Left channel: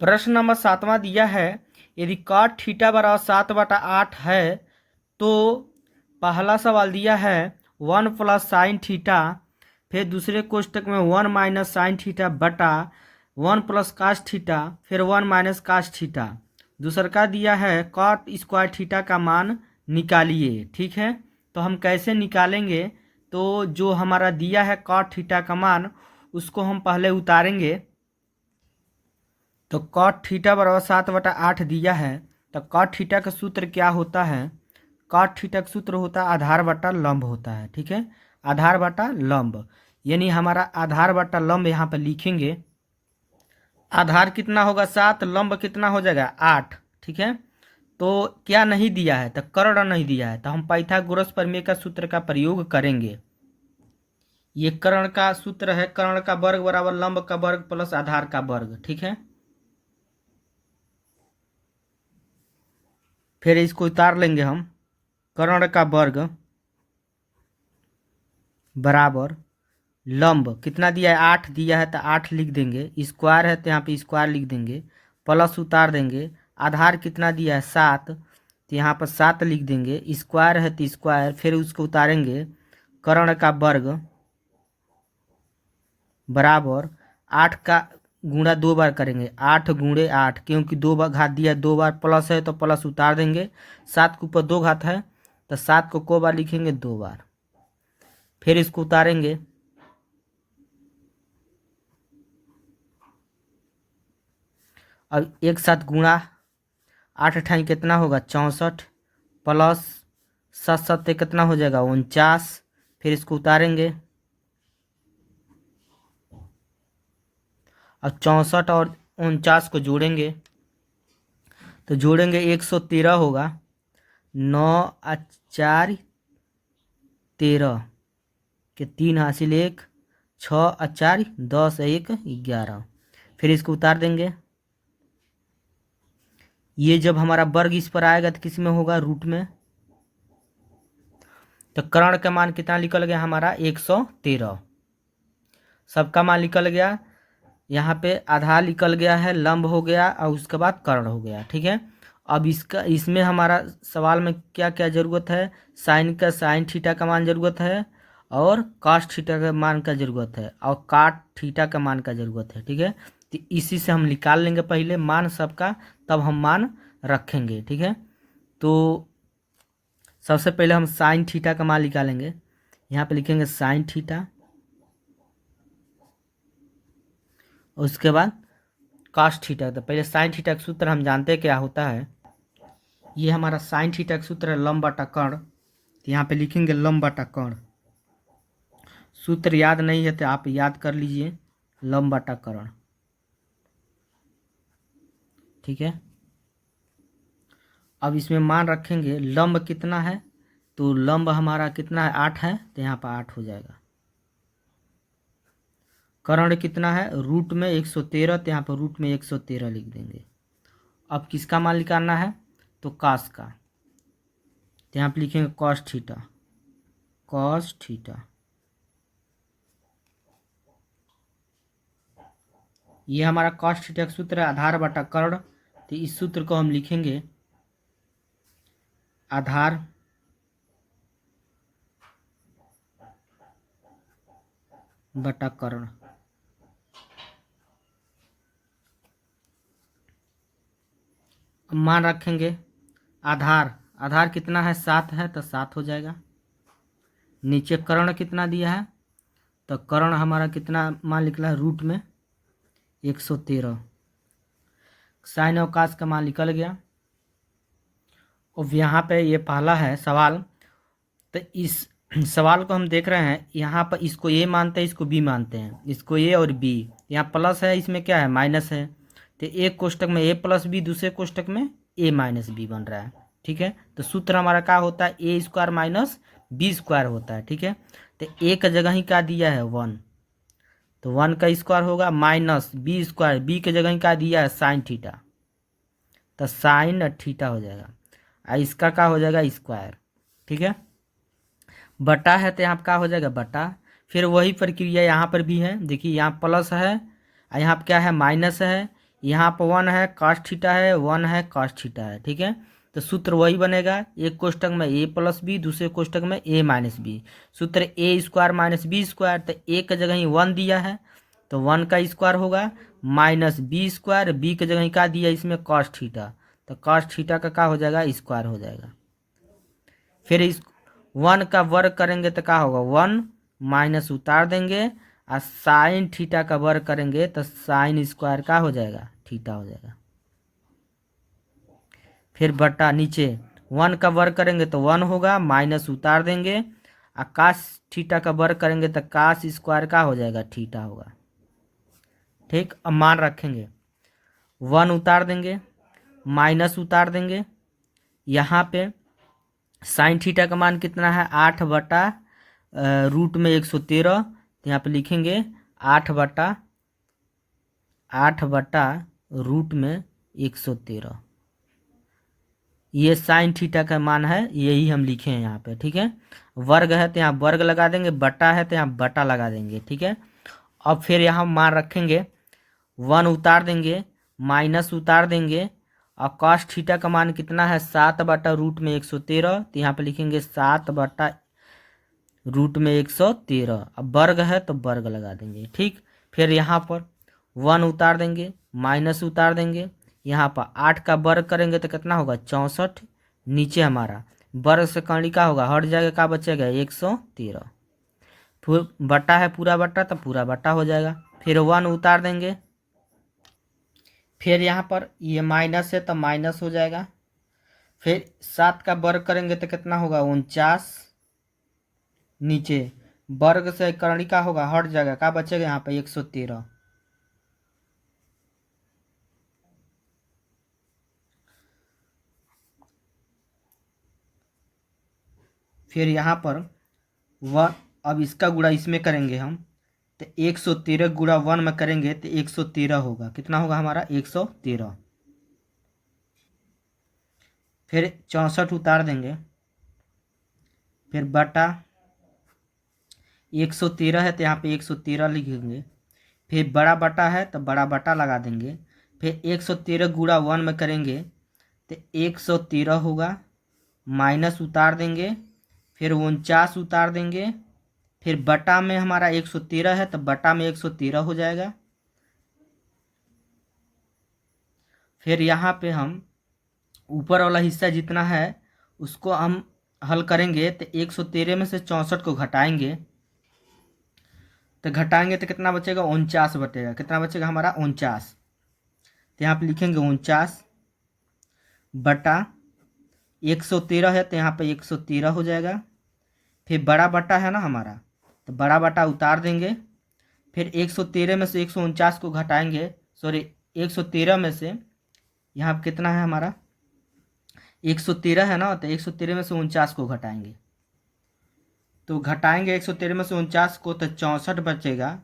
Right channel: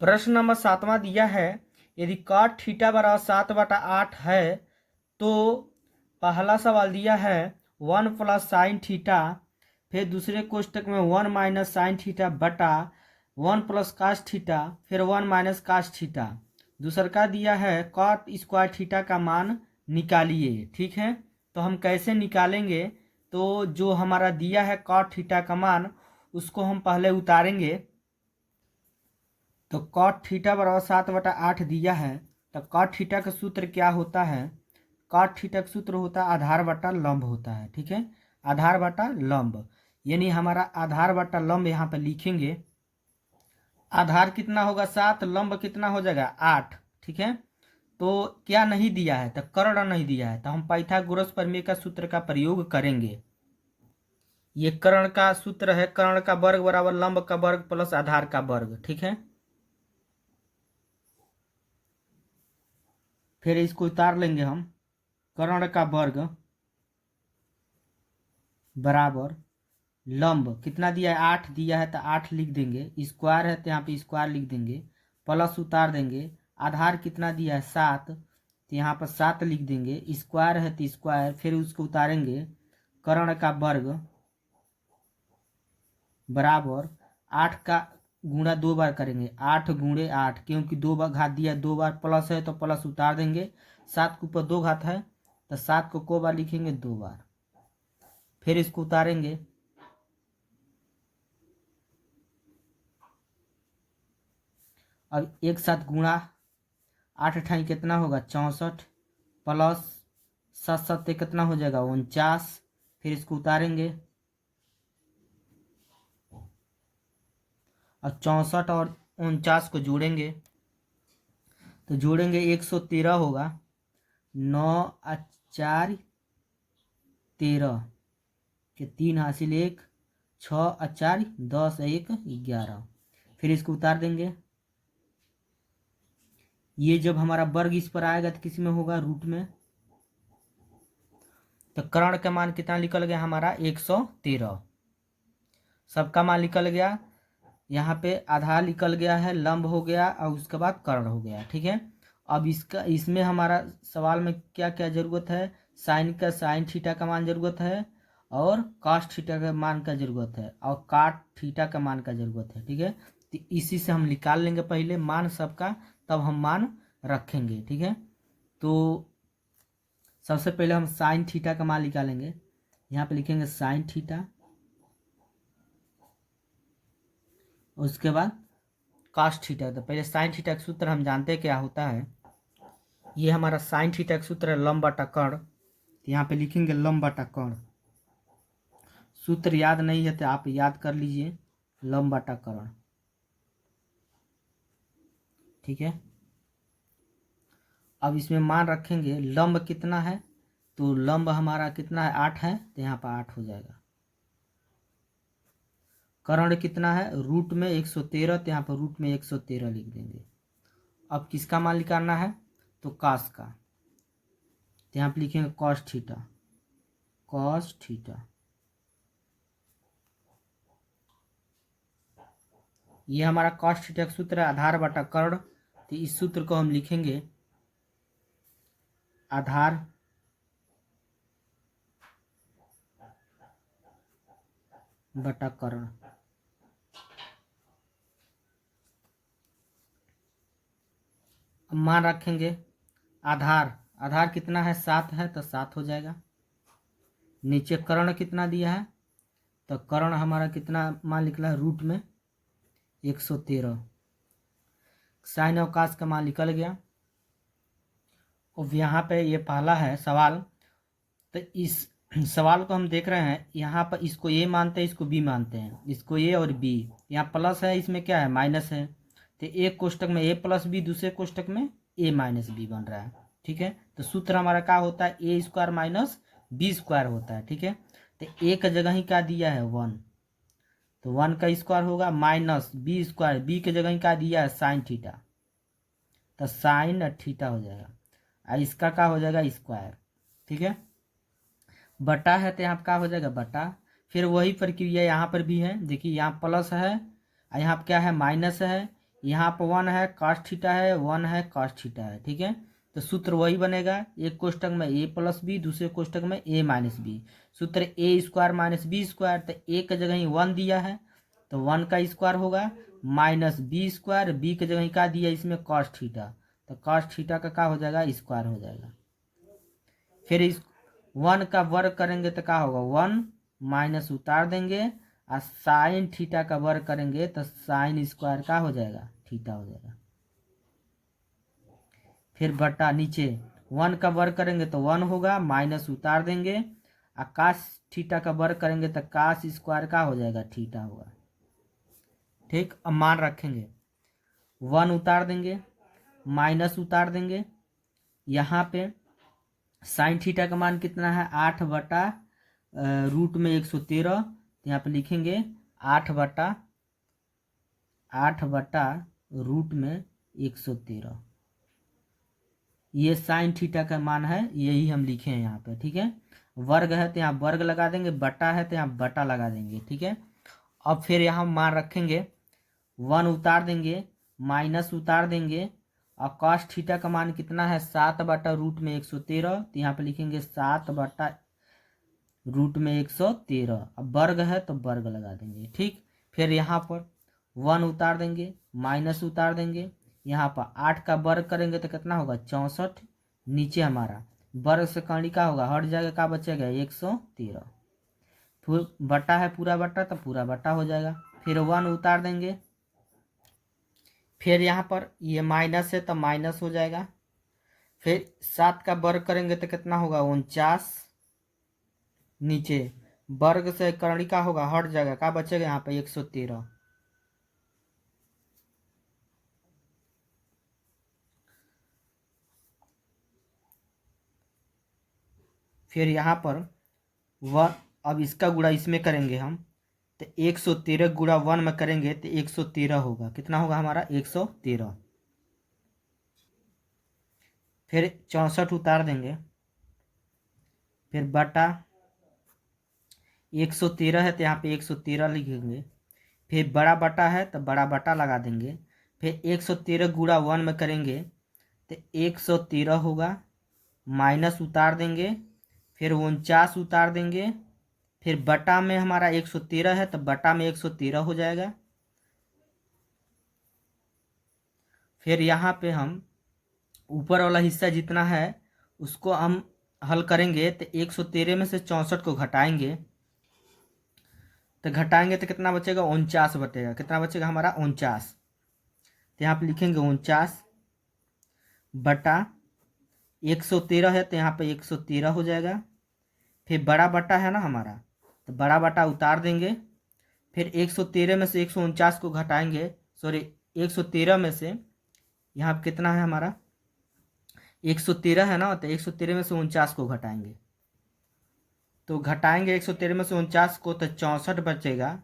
प्रश्न नंबर 7वां दिया है, यदि cot थीटा बराबर 7/8 है तो पहला सवाल दिया है 1 प्लस साइन थीटा, फिर दूसरे कोष्टक में 1 माइनस साइन थीटा बटा 1 प्लस कास थीटा, फिर 1 माइनस कास थीटा। दूसरा का दिया है cot स्क्वायर थीटा का मान निकालिए। ठीक है, तो हम कैसे निकालेंगे? तो जो हमारा दिया है cot थीटा का मान, उसको हम पहले उतारेंगे। तो cot थीटा बराबर 7/8 दिया है, तो cot थीटा का सूत्र क्या होता है? cot थीटा का सूत्र होता है आधार बटा लंब होता है। ठीक है, आधार बटा लंब, यानी हमारा आधार बटा लंब यहाँ पर लिखेंगे। आधार कितना होगा 7, लंब कितना हो जाएगा 8। ठीक है, तो क्या नहीं दिया है? तो कर्ण नहीं दिया है, तो हम पाइथागोरस प्रमेय का सूत्र का प्रयोग करेंगे। ये कर्ण का सूत्र है, कर्ण का वर्ग बराबर लंब का वर्ग प्लस आधार का वर्ग। ठीक है, फिर इसको उतार लेंगे हम। कर्ण का वर्ग बराबर लंब कितना दिया है 8 दिया है, तो 8 लिख देंगे। स्क्वायर है तो यहाँ पे स्क्वायर लिख देंगे, प्लस उतार देंगे। आधार कितना दिया है 7, तो यहाँ पर 7 लिख देंगे। स्क्वायर है तो स्क्वायर, फिर उसको उतारेंगे। कर्ण का वर्ग बराबर 8 का गुणा 2 बार करेंगे, 8 गुणे 8, क्योंकि 2 बार घात दिया 2 बार, प्लस है तो प्लस उतार देंगे। 7 के ऊपर 2 घात है, तो 7 को बार लिखेंगे 2 बार, फिर इसको उतारेंगे। अब एक साथ गुणा, 8 अठाई कितना होगा 64, प्लस 7 7 कितना हो जाएगा 49, फिर इसको उतारेंगे। अब 64 और 49 को जोड़ेंगे, तो जोड़ेंगे 113 होगा। 9 और 4 13 के 3 हासिल 1, 6 और 4 10, 1 11, फिर इसको उतार देंगे। ये जब हमारा वर्ग इस पर आएगा तो किस में होगा रूट में। तो कर्ण का मान कितना निकल गया हमारा 113, सबका मान निकल गया। यहाँ पे आधार निकल गया है, लंब हो गया और उसके बाद कर्ण हो गया। ठीक है, अब इसमें हमारा सवाल में क्या क्या जरूरत है? साइन थीटा का मान जरूरत है, और कास थीटा का मान का जरूरत है, और काट थीटा का मान का जरूरत है। ठीक है, तो इसी से हम निकाल लेंगे पहले मान सबका, तब हम मान रखेंगे। ठीक है, तो सबसे पहले हम साइन थीटा का मान निकालेंगे। यहाँ पे लिखेंगे साइन थीटा, उसके बाद कास थीटा। तो पहले साइन थीटा का सूत्र हम जानते हैं क्या होता है। ये हमारा साइन थीटा का सूत्र है लंब बटा कर्ण, तो यहाँ पे लिखेंगे लंब बटा कर्ण। सूत्र याद नहीं है तो आप याद कर लीजिए, लंब बटा कर्ण। ठीक है, अब इसमें मान रखेंगे। लंब कितना है? तो लंब हमारा कितना है 8 है, तो यहाँ पर 8 हो जाएगा। कर्ण कितना है रूट में 113, तो यहाँ पर रूट में 113 लिख देंगे। अब किसका मान निकालना है? तो कास का, तो यहाँ पर लिखेंगे कॉस थीटा, कॉस थीटा। ये हमारा कॉस थीटा का सूत्र है आधार बटा कर्ण, तो इस सूत्र को हम लिखेंगे आधार बटा कर्ण। मान रखेंगे आधार, आधार कितना है 7 है, तो 7 हो जाएगा। नीचे कर्ण कितना दिया है, तो कर्ण हमारा कितना मान निकला है रूट में 113। साइन और कास का मान निकल गया। अब यहाँ पे ये पहला है सवाल, तो इस सवाल को हम देख रहे हैं। यहाँ पर इसको ए मानते हैं, इसको बी मानते हैं, इसको ए और बी। यहाँ प्लस है, इसमें क्या है माइनस है, तो एक कोष्टक में ए प्लस बी, दूसरे कोष्टक में ए माइनस बी बन रहा है। ठीक है, तो सूत्र हमारा क्या होता है ए स्क्वायर माइनस बी स्क्वायर होता है। ठीक है, तो ए का जगह ही क्या दिया है 1, तो 1 का स्क्वायर होगा माइनस बी स्क्वायर, बी के जगह ही क्या दिया है साइन थीटा, तो साइन थीटा हो जाएगा, और इसका क्या हो जाएगा स्क्वायर। ठीक है, बटा है तो यहाँ क्या हो जाएगा बटा। फिर वही प्रक्रिया यहाँ पर भी है, देखिए यहाँ प्लस है और यहाँ पर क्या है माइनस है, यहाँ पर 1 है कॉस थीटा है, 1 है कॉस थीटा है, ठीक है। तो सूत्र वही बनेगा, एक कोष्टक में a प्लस बी, दूसरे कोष्टक में a माइनस बी। सूत्र a square minus B square, तो a की जगह ही 1 दिया है तो 1 का स्क्वायर होगा, माइनस बी स्क्वायर, बी की जगह ही क्या दिया इसमें कॉस थीटा, तो कॉस थीटा का क्या हो जाएगा स्क्वायर हो जाएगा। फिर इस 1 का वर्ग करेंगे तो क्या होगा 1 माइनस उतार देंगे, और साइन थीटा का वर्ग करेंगे तो साइन स्क्वायर का हो जाएगा थीटा हो जाएगा। फिर बटा नीचे 1 का वर्ग करेंगे तो 1 होगा, माइनस उतार देंगे, और कास थीटा का वर्ग करेंगे तो कास स्क्वायर का हो जाएगा थीटा होगा। ठीक, अब मान रखेंगे 1 उतार देंगे, माइनस उतार देंगे, यहाँ पे साइन थीटा का मान कितना है 8 बटा रूट में 113, तो यहाँ पे लिखेंगे 8 बटा रूट में 113, ये साइन थीटा का मान है, यही हम लिखे हैं यहाँ पे, ठीक है। वर्ग है तो यहाँ वर्ग लगा देंगे, बटा है तो यहाँ बटा लगा देंगे, ठीक है। अब फिर यहाँ मान रखेंगे 1 उतार देंगे, माइनस उतार देंगे, और कॉस थीटा का मान कितना है 7 बटा रूट में 113, तो यहाँ पे लिखेंगे 7 बटा रूट में 113। अब वर्ग है तो वर्ग लगा देंगे, ठीक। फिर यहाँ पर 1 उतार देंगे, माइनस उतार देंगे, यहाँ पर 8 का वर्ग करेंगे तो कितना होगा 64, नीचे हमारा वर्ग से कर्ण का होगा हट जाएगा, क्या बचेगा 113, फिर बटा है पूरा बटा तो पूरा बटा हो जाएगा। फिर 1 उतार देंगे, फिर यहाँ पर ये माइनस है तो माइनस हो जाएगा, फिर 7 का वर्ग करेंगे तो कितना होगा 49, नीचे वर्ग से कर्ण का होगा हट जाएगा, क्या बचेगा यहाँ पे 113। फिर यहाँ पर वन, अब इसका गुणा इसमें करेंगे हम, तो 113 गुणा 1 में करेंगे तो 113 होगा, कितना होगा हमारा 113। फिर 64 उतार देंगे, फिर बटा 113 है तो यहाँ पे 113 लिखेंगे, फिर बड़ा बटा है तो बड़ा बटा लगा देंगे, फिर 113 गुणा 1 में करेंगे तो 113 होगा, माइनस उतार देंगे, फिर 49 उतार देंगे, फिर बटा में हमारा 113 है तो बटा में 113 हो जाएगा। फिर यहाँ पे हम ऊपर वाला हिस्सा जितना है उसको हम हल करेंगे तो 113 में से 64 को घटाएंगे, तो घटाएंगे तो कितना बचेगा 49 बचेगा, कितना बचेगा हमारा 49, तो यहाँ पे लिखेंगे 49 बटा 113 है तो यहाँ पे 113 हो जाएगा। फिर बड़ा बटा है ना हमारा, तो बड़ा बटा उतार देंगे, फिर 113 में से 149 को घटाएंगे, सॉरी 113 में से यहाँ पे कितना है हमारा 113 है ना, तो 113 में से 49 को घटाएंगे, तो घटाएंगे 113 में से 49 को तो 64 बचेगा।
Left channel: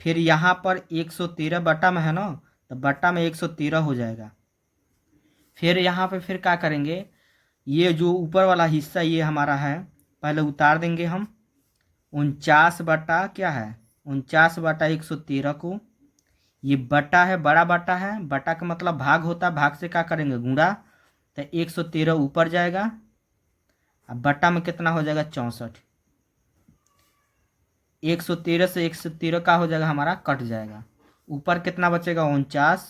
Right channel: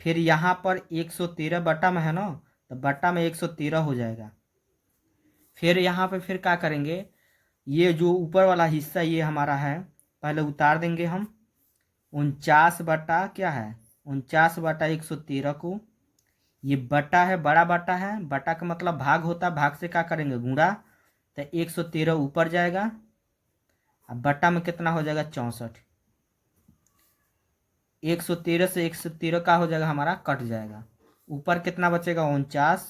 फिर यहाँ पर 113 बटा में है ना, तो बटा में 113 हो जाएगा। फिर यहाँ पे फिर क्या करेंगे, ये जो ऊपर वाला हिस्सा ये हमारा है, पहले उतार देंगे हम 49 बटा क्या है 49 बटा 113 को, ये बटा है बड़ा बटा है, बटा का मतलब भाग होता है, भाग से क्या करेंगे गुणा, तो 113 ऊपर जाएगा, अब बटा में कितना हो जाएगा 64, 113 से 113 का हो जाएगा हमारा कट जाएगा, ऊपर कितना बचेगा 49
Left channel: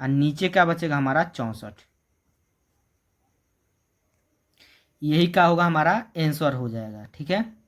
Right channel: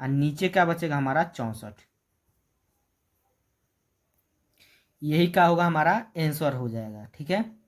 और नीचे क्या बचेगा हमारा 64, यही का होगा हमारा आंसर हो जाएगा, ठीक है।